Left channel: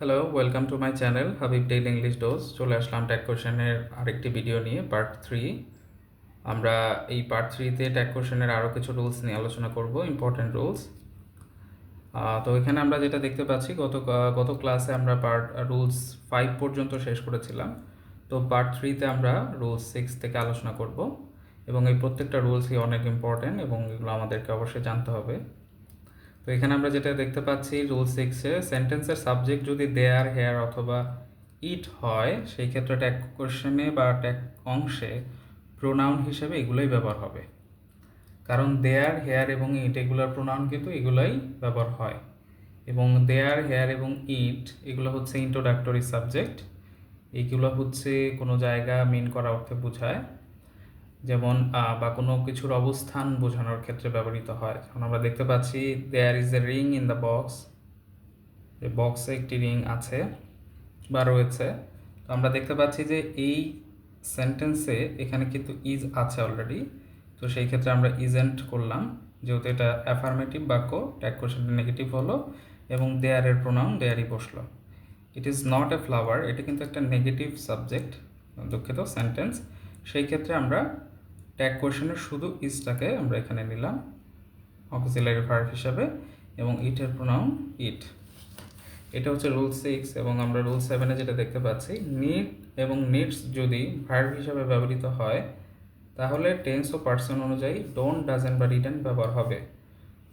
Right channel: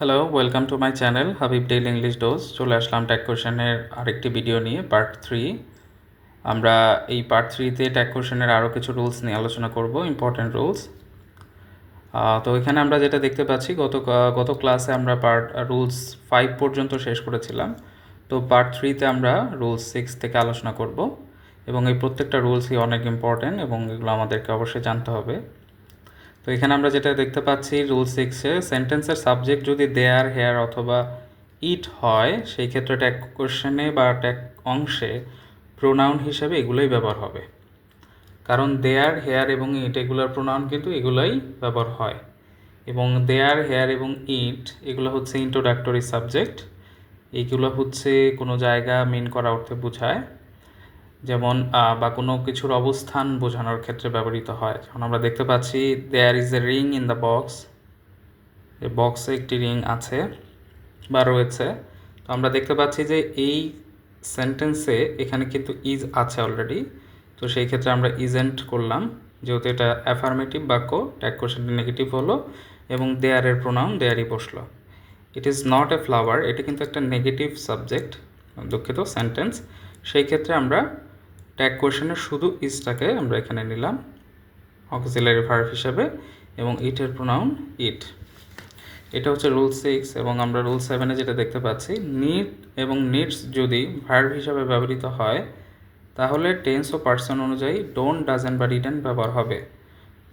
Hello, welcome to my channel Habib daily English dose. চলে আসলাম tag কোশ্চেনের আরেকটি ভিডিও নিয়ে, পার্ট 3। আমরা এই পার্ট 3তে ট্যাগ কোশ্চেনের আরও কিছু রুলস নিয়ে আলোচনা করব, ইম্পর্ট্যান্ট রুলস। তো এখানে আমরা যেটা দেখতে পাচ্ছি, গত ক্লাসে আমরা রুলস 5 পর্যন্ত শেষ করেছিলাম। তো পার্ট 3তে আমরা রুলস 6 থেকে আলোচনা করব, এবং এই প্রত্যেকটা রুলসই অনেক ইম্পর্ট্যান্ট এবং এগুলো আমাদেরকে অবশ্যই জানতে হবে। তো এখানে আমরা যেটা দেখতে পাচ্ছি, রুল 6-এ সেন্টেন্সের সাবজেক্ট যদি দেয়ার, হেয়ার অথবা ইট হয়, সেই ক্ষেত্রে ট্যাগ কোশ্চেনে বা ট্যাগ অংশে প্রোনাউন হিসেবে এগুলোই ব্যবহার হবে। কারণ দেয়ার, হেয়ার এবং ইট এগুলোর প্রোনাউন কিন্তু এগুলোই ব্যবহার হয়। এবং দেয়ার, হেয়ার এবং ইট এগুলো হচ্ছে ইন্ট্রোডাক্টরি সাবজেক্ট। এইগুলো হচ্ছে কোনো জায়গা মিন করা অর্থে বোঝায়, যেমন বা কোনো কিছুর অবস্থান বোঝানোর ক্ষেত্রে ব্যবহৃত হয়। যেমন আমরা দেখতে পাচ্ছি, there is a ring in the box, এই বক্সে একটি রিং আছে বা রয়েছে। তো আমরা দেখতে পাচ্ছি যে এই সেন্টেন্সে এখানে কিন্তু ইজ আছে অলরেডি। তো সেই ক্ষেত্রে আমরা ইজেন্ট করলাম, যেহেতু এটা অ্যাফার্মেটিভ বাক্য, ট্যাগ কোশ্চেনটা নেগেটিভ হলো এবং দেয়ারের প্রোনাউন দেয়ারই বসলো। It is not a flower, এটা কিন্তু একটা নেগেটিভ সাবজেক্ট, দুঃখিত, সেন্টেন্স। সেই ক্ষেত্রে আমরা ট্যাগ কোশ্চেনের শুধু ইজটাকে আমরা এখানে নিলাম অক্সিলারি ভার্ব হিসাবে, এবং ইটের প্রোনাউন ইট। এটা হচ্ছে রুল 6। এবং আমরা রুল 7-এ যেটা দেখতে পাচ্ছি, নিড এবং নিডস যদি ভার্ব হিসাবে ব্যবহৃত হয়, তাহলে টেন্স ও পার্সন অনুযায়ী ডোন্ট, ডাজেন্ট বা ডিডেন্ট ব্যবহার হবে।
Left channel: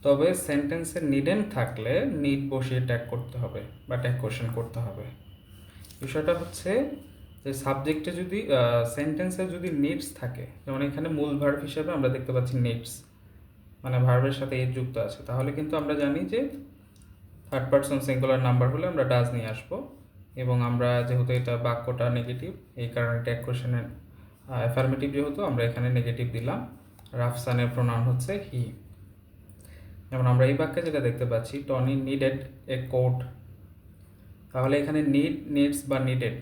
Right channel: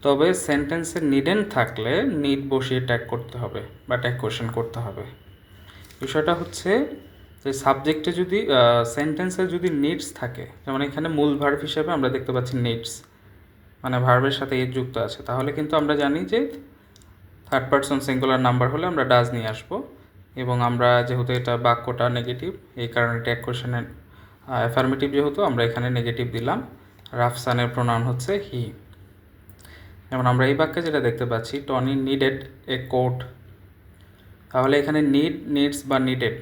তবে সেন্টেন্সে নিডেন্ট থাকলে নিড বসিয়ে ট্যাগ করতে হবে বা ট্যাগ কোশ্চেন করতে হবে। বিষয়টা হচ্ছে যে সাবজেক্টে যদি সেন্টেন্সে যদি নিডস থাকে, যেমন এখানে মূল ভার্ব হিসেবে আমরা দেখতে পাচ্ছি নিডস, মানে ভার্বের সাথে এর যুক্ত আছে, তাহলে কিন্তু আমরা জানি যে থার্ড পারসন সিঙ্গুলার নাম্বার হলে আমরা ডাজ নিয়ে আসবো। এবং আমরা যেহেতু এটা বাক্যটা নেগেটিভ, এই কারণে ট্যাগ কোশ্চেনের অ্যাফার্মেটিভ যেহেতু, আমরা এখানে নেগেটিভ দিলাম। রাফসানের প্রোনাউন হচ্ছে হি। যেমন আমরা এই বাক্যে যেটা দেখতে পাচ্ছি, টনি নিডেড এ কোট, তাহলে এখানে নিডস বা নিডেড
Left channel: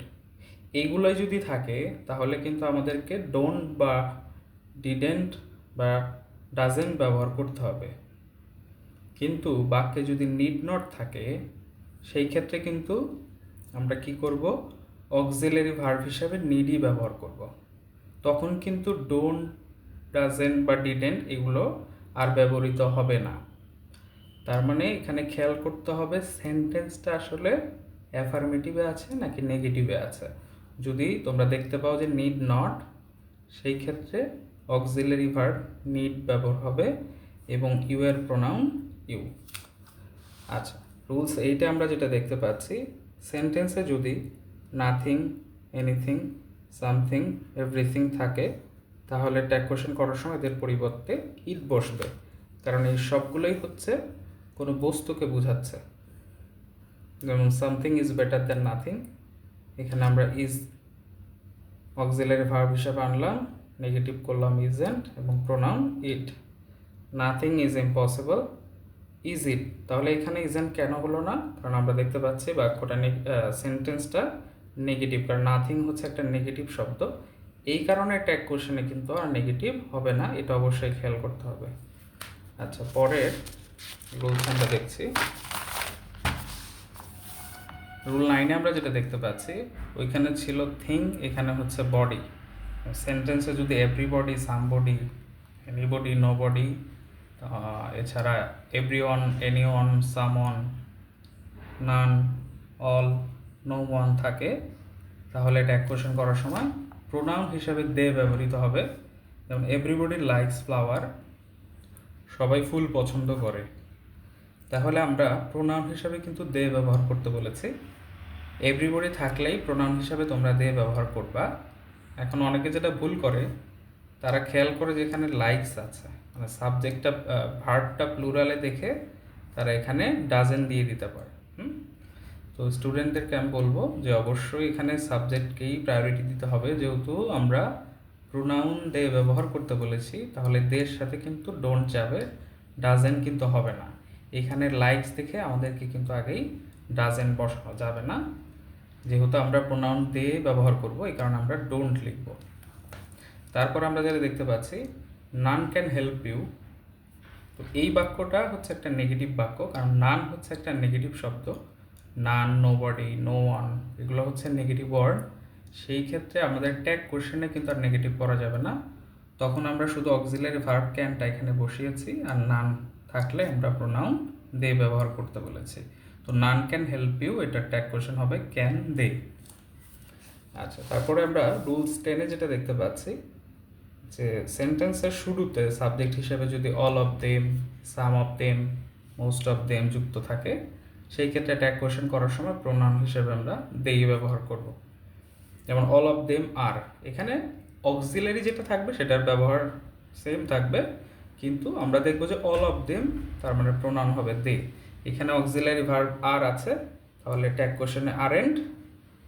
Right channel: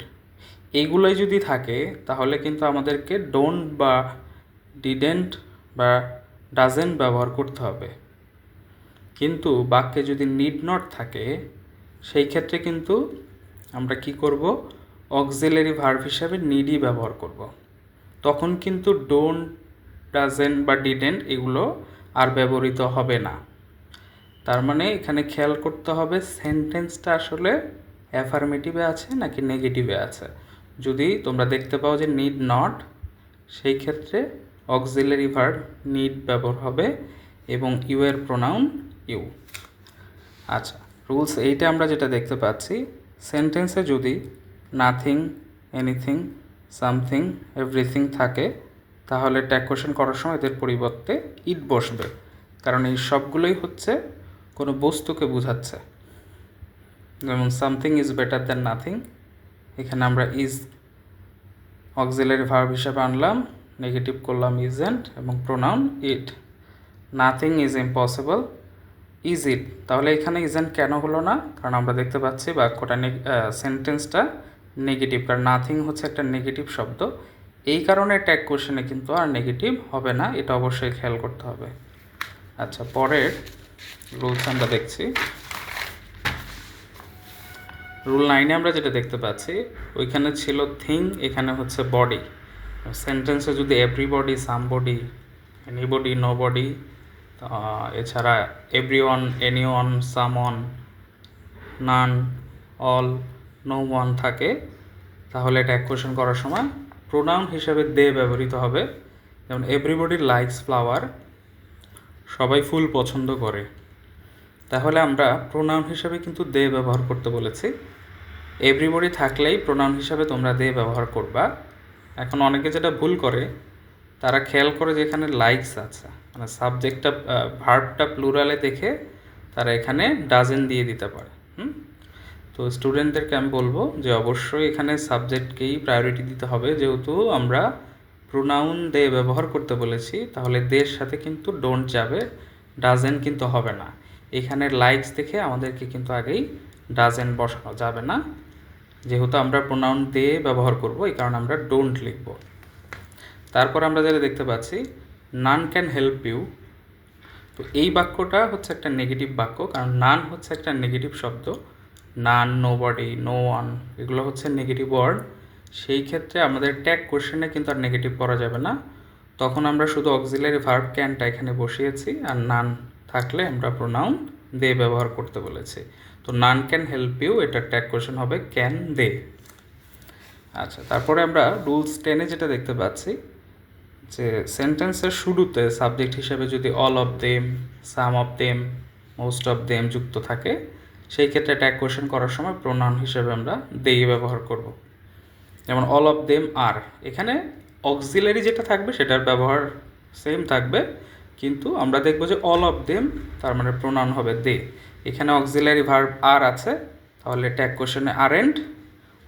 এইগুলোই যদি থাকে, তাহলে কিন্তু আমাদেরকে ডোন্ট বা ডিডেন্ট বা ডাজেন্ট ব্যবহার করতে হবে। কিন্তু বাক্যে যদি নিড নট থাকে, সেই ক্ষেত্রে কিন্তু আমরা কি করব, অক্সিলারি ভার্ব হিসাবে নিডই ব্যবহার করব। তখন কিন্তু ডোন্ট, ডাজেন্ট বা ডিডেন্ট এগুলো আর ব্যবহৃত হবে না। তার মানে এখানে খেয়াল করতে হবে সেন্টেন্সটা আসলে অ্যাফার্মেটিভে আছে নাকি নেগেটিভে আছে। যদি তোমরা দেখতে পাও যে নিড নট, সেই ক্ষেত্রে অক্সিলারি ভার্ব নিড ব্যবহার হবে এবং ইউ এর প্রোনাউন ইউ। আচ্ছা, রুলস 8-এ আমরা যেটা দেখতে পাচ্ছি, সেন্টেন্সে যদি নাথিং, এনিথিং, সামথিং, এভরিথিং থাকে, তাহলে ট্যাগ কোশ্চেন করার সময় এদের পরিবর্তে ইট বসবে, কারণ এই সবগুলোই হচ্ছে কোনো বস্তুকে বোঝাচ্ছে। যেমন something is better than nothing, এখানে আমরা ইজ অক্সিলারি ভার্ব হিসাবে আনলাম, নেগেটিভ করলাম ইজেন্ট এবং pronoun it. Nothing is impossible, is it, তাহলে এখানে ইজেন্ট কেন হলো না? কারণ আমরা দেখতে পাচ্ছি বাক্যটা সেন্টেন্সটা নেগেটিভ, কারণ নাথিং হচ্ছে একটা নেগেটিভ শব্দ। এই কারণে ট্যাগ কোশ্চেনে কিন্তু আর নেগেটিভ হবে না, এটা অবশ্যই খেয়াল করতে হবে। আচ্ছা, পরের রুলস আমরা দেখছি, রুল 9-এ আমরা যেটা দেখতে পাচ্ছি, ওইখানে ছিল থিং, এখানে হচ্ছে বডি। সেন্টেন্সে যদি এভরিবডি, সামবডি, এনিবডি, নোবডি, এছাড়া এভরিওয়ান, এনিওয়ান, সামওয়ান, নান, অল, নো ওয়ান থাকে, তাহলে ট্যাগ কোশ্চেন করার সময় প্রোনাউন হিসেবে দে ব্যবহৃত হবে। যেমন এভরিবডি লাইকস ফ্লাওয়ার, সবাই ফুল পছন্দ করে, তাহলে আমরা প্রোনাউন হিসাবে কিন্তু দে ব্যবহার করতে বলেছি। এভরিবডি থাকলেই প্রোনাউন হিসাবে তোমরা দে ব্যবহার করবা। এখন অনেকে যেটা ভুল করে, তারা খেয়াল করে যে এখানে লাইকস আছে, মানে সাবজেক্টটা, ভার্বটা প্লুরালে দেখে তারা এখানে ডাজেন দিয়ে দিতে পারে। তো স্টুডেন্টদেরকে আমি বলবো যে অবশ্যই এখানে সাবজেক্টকেই প্রায়োরিটি দিতে হবে, যেহেতু আমরা প্রোনাউন দে ব্যবহার করতে বলেছি, তাহলে দের সাথে কিন্তু ডোন্ট যাবে, ডাজেন কিন্তু হবে না। এখানে লাইকস দেখে আমাদেরকে কিন্তু আগেই ডাজেন বসানো যাবে না, যেহেতু আমরা প্রোনাউন দে ব্যবহার করব, এই কারণে আমরা ডোন্ট লিখব। তারপর আমরা যেটা দেখতে পাচ্ছি, নান ক্যান হেল্প ইউ, তো এই বাক্যটা হচ্ছে একটা নেগেটিভ বাক্য, কারণ নান হচ্ছে একটা নেগেটিভ শব্দ। নান, নোবডি, নো ওয়ান, এগুলো হচ্ছে নেগেটিভ ওয়ার্ড। সেই ক্ষেত্রে আমাদের ট্যাগ কোশ্চেনে কিন্তু আর নেগেটিভ করা যাবে না, তখন আমরা শুধু অক্সিলারি ভার্ব ক্যানটা এখানে বসিয়েছি, আর নান থাকলে আমরা প্রোনাউন দে ব্যবহার করতে বলেছি। তো নান ক্যান হেল্প ইউ, এটা ট্যাগ কোশ্চেন হবে ক্যান দে। আচ্ছা, তারপরে আমরা রুলস 10-এ যেটা দেখতে পাচ্ছি যে সেন্টেন্সের শুরুতে সাবজেক্ট হিসেবে যদি all of them, some of them, most of them যুক্ত থাকে, সেই ক্ষেত্রে ট্যাগ কোশ্চেন করার সময় প্রোনাউন হিসেবে আমরা দে ব্যবহার করব। যেমন অল অফ দেম আর, এখানে অক্সিলারি যেটা থাকবে সেটার ব্যবহার সেম থাকবে, কিন্তু আমরা দেখব যে অল অফ দেম তার মানে প্রোনাউন হবে দে। এখানে অক্সিলারি ভার্ব আর আছে, তাহলে ট্যাগ কোশ্চেনে আরেন্ট,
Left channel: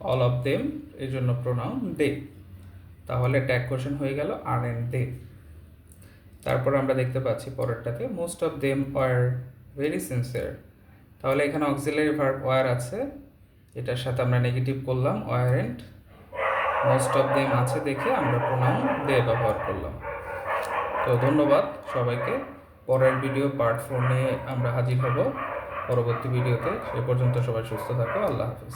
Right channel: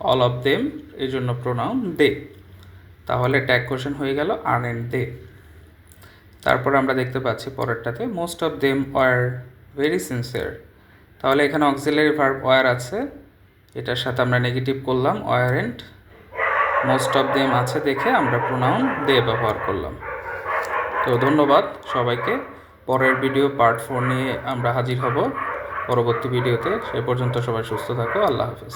অল অফ দেম এই জন্য প্রোনাউন দে, তাহলে ট্যাগ কোশ্চেন হয়ে গেল আরেন্ট দে। তারপরে আমরা দেখতে পাচ্ছি পরেরটাতে most of them were very sincere, তাহলে এখানে অক্সিলারি ভার্ব ওয়ার আছে, এটার সাথে আমরা নেগেটিভ করলাম ওয়ারেন্ট, মোস্ট অফ দেম আছে দেখে আমরা প্রোনাউন দে ব্যবহার করলাম। তো ধন্যবাদ সবাইকে। পরের ভিডিও পার্ট 4 নিয়ে আমরা হাজির হব পরবর্তী ভিডিওতে। সে পর্যন্ত সবাই সুস্থ থাকো। আল্লাহ হাফেজ।